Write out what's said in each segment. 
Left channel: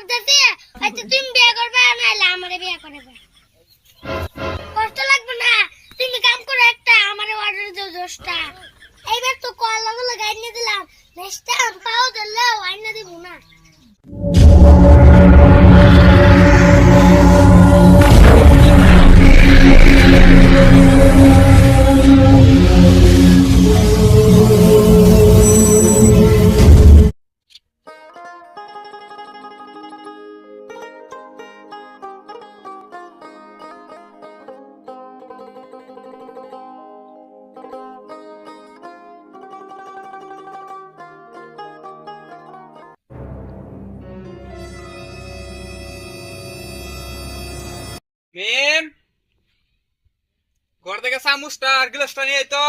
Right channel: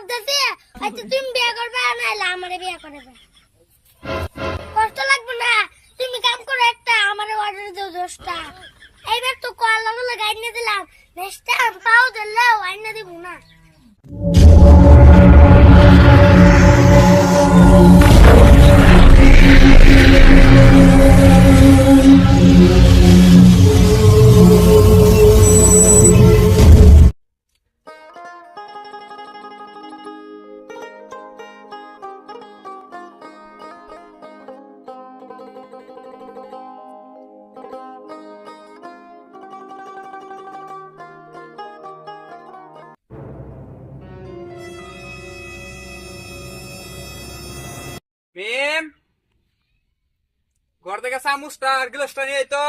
ভাবতেছি আচ্ছা তুমি বিয়ে করবে নাইলে আমারে বিয়ে করবে। কষ্ট লাগবে না, তুমি কাম করো একটা আমারে অর্ডার দাও 10টা। এইবার তো কলা বলে গাইনে দিলাম, নেক্সট টাইম পাও দিলেও আইনা দিব না। মিম, ঘর থেকে চামচটা আর গ্লাসটা নিয়ে আয় তো।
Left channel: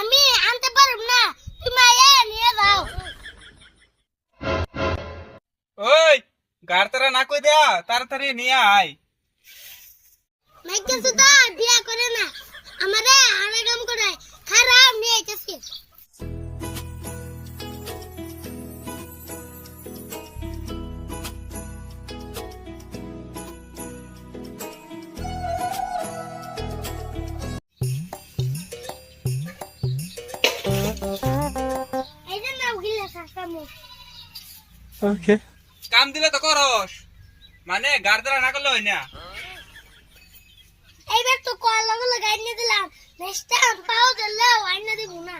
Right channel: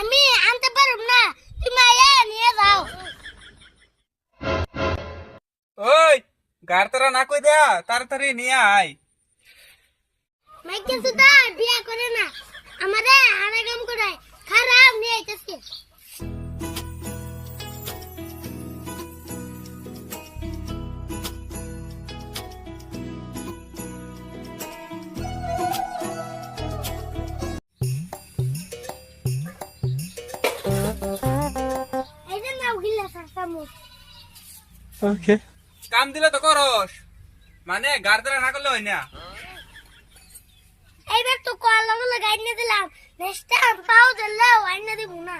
আমি আনতে পারব না, তুমি আয়া নিয়ে যাও। ওই গার তারা না কই দেয়া, তাড়াতাড়ি নিয়ে আয়। মাইকে সুদা বিয়া করে না, আমারে আরে কাম করায়, খারাপ নিয়ে আইতাছি। এই যে নাও গিলা সাসামু। ওকে, কাম দিলে তো করস, মানে গার তারা না করলে হয় না। এইবার তো কলা বলে গাইনে দিলাম, নেক্সট টাইম পাও দিলেও আইনা দিব না।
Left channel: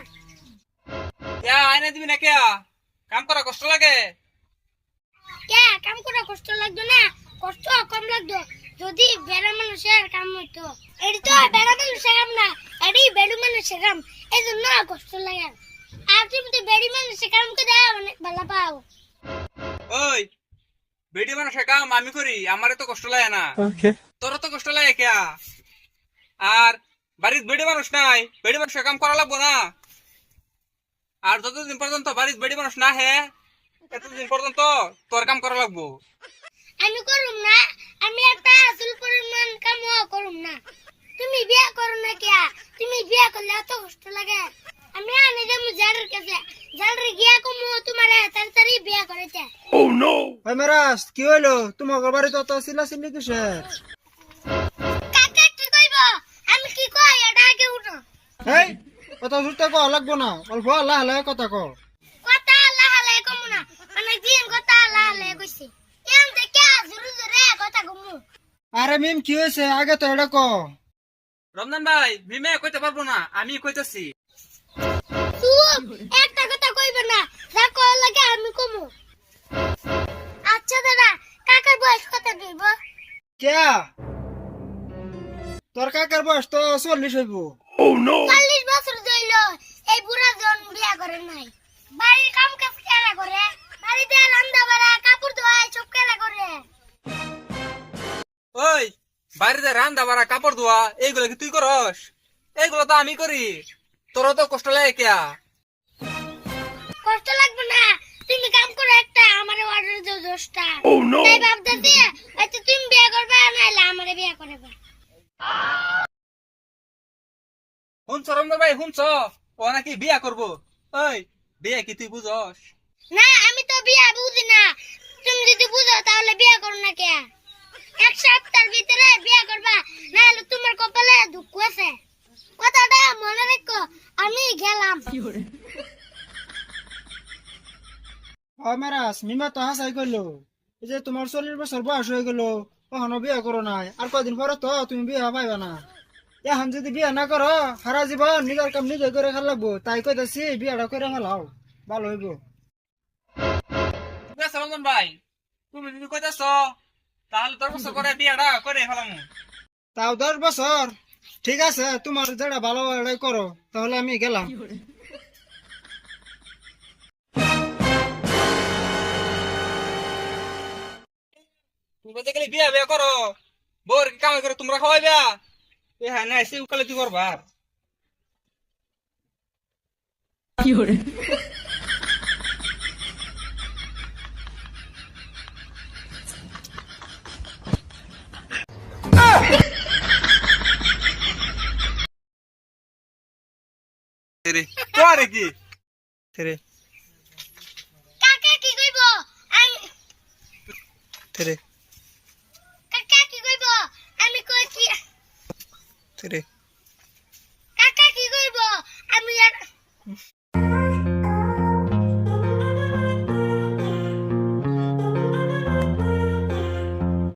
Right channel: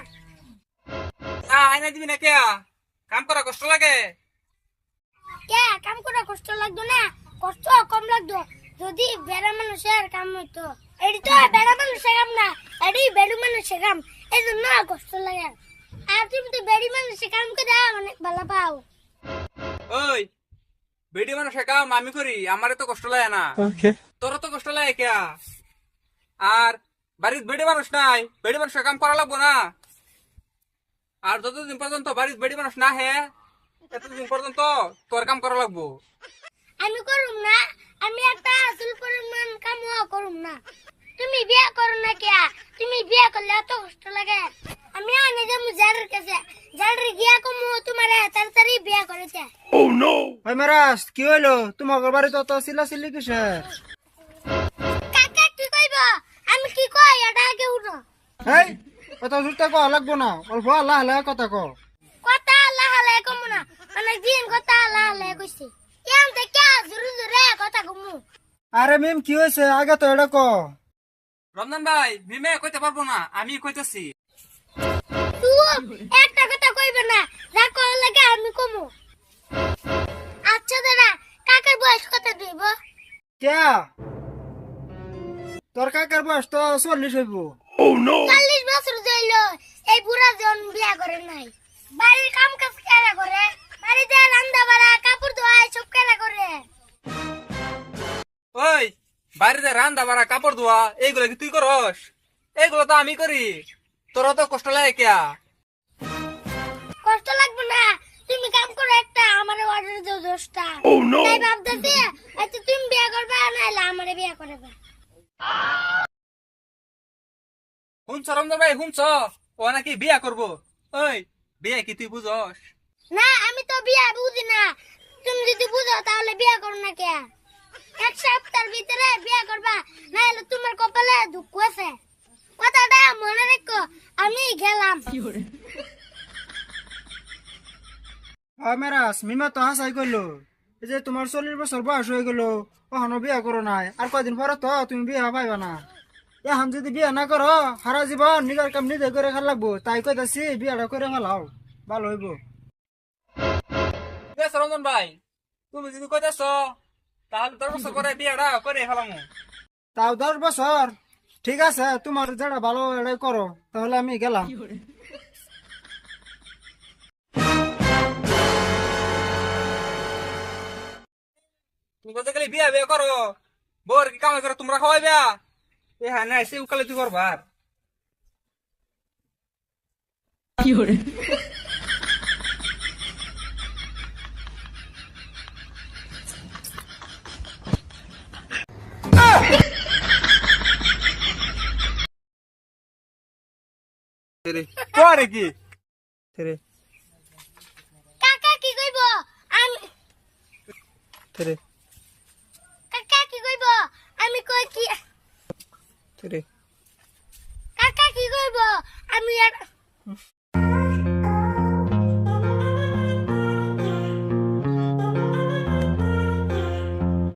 ইয়া আয়না দিবি না কে? কাম করা কষ্ট লাগে। কে কাম করা কষ্ট লাগতো না? কষ্ট কম লাগতো যদি বেড়া মানুষের কাম হইতো। এটি তো বেড়া মানুষের কাম না, এটি বেড়ু মানুষের কাম, এই জন্য কষ্ট লাগে। আর তুমি তো বেড়ি মানুষের কাম করে অনেক ভালো পাও। ওই বেডি মানুষের কাম আমি করি, আমারে তো কষ্ট লাগে না। তোর তো কষ্ট লাগে কে? আর বাড়ির বেডি মানুষ নাই, বেডি মানুষের কাম করা লাগবো না। আর যতদিন পর্যন্ত বাড়ির বেডি মানুষ না হে, এতদিন পর্যন্ত তোর কাম করা লাগবো। আমি করুম না, আমি একটা আসল পরিমাণ কামও করুম না। তুমি বিয়ে করো না কে? তুমি বিয়ে করলে এত কষ্ট লাগে। আমি আনে যাবো জারের কাছে, জারে গিয়া কমু তোমার তাড়াতাড়ি বিয়ে করেছে। ওই মেরাজ কি হইলো? তোমার বাড়ি তো চিল্লাচিল্লি কিসের? কাকা কি কইব? আমি কি কই এটা আগে উঠো। এই কথা জুড়তে কো লাগবো না, অল্প আল্লাহ আল্লাহ কথা কো। কথা আল্লাহ আল্লাহ কমু না, অনেক দিন কথা আল্লাহ আল্লাহ কইছি। এম থেকে জোরে জোরে কথা কমু। আরে মিম কি হয়েছে আগে তো এটা কো। রমজান ভাই, মিমে কইতে পারবো না, আমি কইতেছি। তুই একটা কথা কইবে না, যা কল লাগে আমি কমু। আচ্ছা দাদা, কাকার বয়স কত দিব? কে তোর কাকার বয়স তো 40 হইব। 40 বছর হইল, এই বুড়া জন বিয়া করে নাই। বাড়ির কাম কাজ কেরা করে? বাড়িতে রান্না বাড়া, কাপড় ধোয়া সব কেরা করে? ওই বাড়িতে রান্না বাড়া, কাপড় ধোয়া এইগুলো কি তুই করস? এইগুলো তো আমি করি, তোর তো কষ্ট লাগে কে? কষ্ট লাগবে না, তুমি কাম করো একটা আমারে অর্ডার দাও 10টা। তাই ভাবতেছি আচ্ছা তুমি বিয়ে করবে নাইলে আমারে বিয়ে করবে। শুনছ রমজান ভাই, শুনছ? ও নাকি বিয়া করবো। ওই বিয়ে কি তুই বুঝস? না আমি তো বিয়ে বুঝি না, তুমি যদি বুঝো তাহলে বিয়ে করো না কে? এক সপ্তাহের ভিতরে বিয়ে করবা, নাহলে তোমার কপালে দুঃখ আছে। কথাটা মনে রেখো, আমি গেলাম। ওই মেরাজ মিমা তো হাসাই করলো, এই যে তোমার 40 বছর বয়স হয়ে গেল, ওখানে বিয়ে করো নাই, আর কয়দিন পরে তো তুমি বিয়ে পাইবা না। এখন যদি বিয়ে না করো সারা জীবন নিজের কাম নিজে করে খাল লাগবো। তাই কইতাছি বিয়েটা করে ফেলাও, ভালো হইব। ঠিক আছে রমজান ভাই, তুমি যদি কইতেছ তাহলে 10 বছর করে বিয়াটা করে ফেলামু। তাও 10 বছর? ঠিক আছে, তোমার যেটা ভালো এটাই করো, তাহলে আমি গেলাম। তুমি বলতে গেলে বিয়া বিয়া করো, বোর কি কামাই করে তোমরা খাওয়াইবা? এ হ্যাঁ না, এসে উকালে তুই করবার। তোরে কি কাকা কি কইব আমি কাকা কি কইব আমি কই কি কাকা কি কইব আমি আর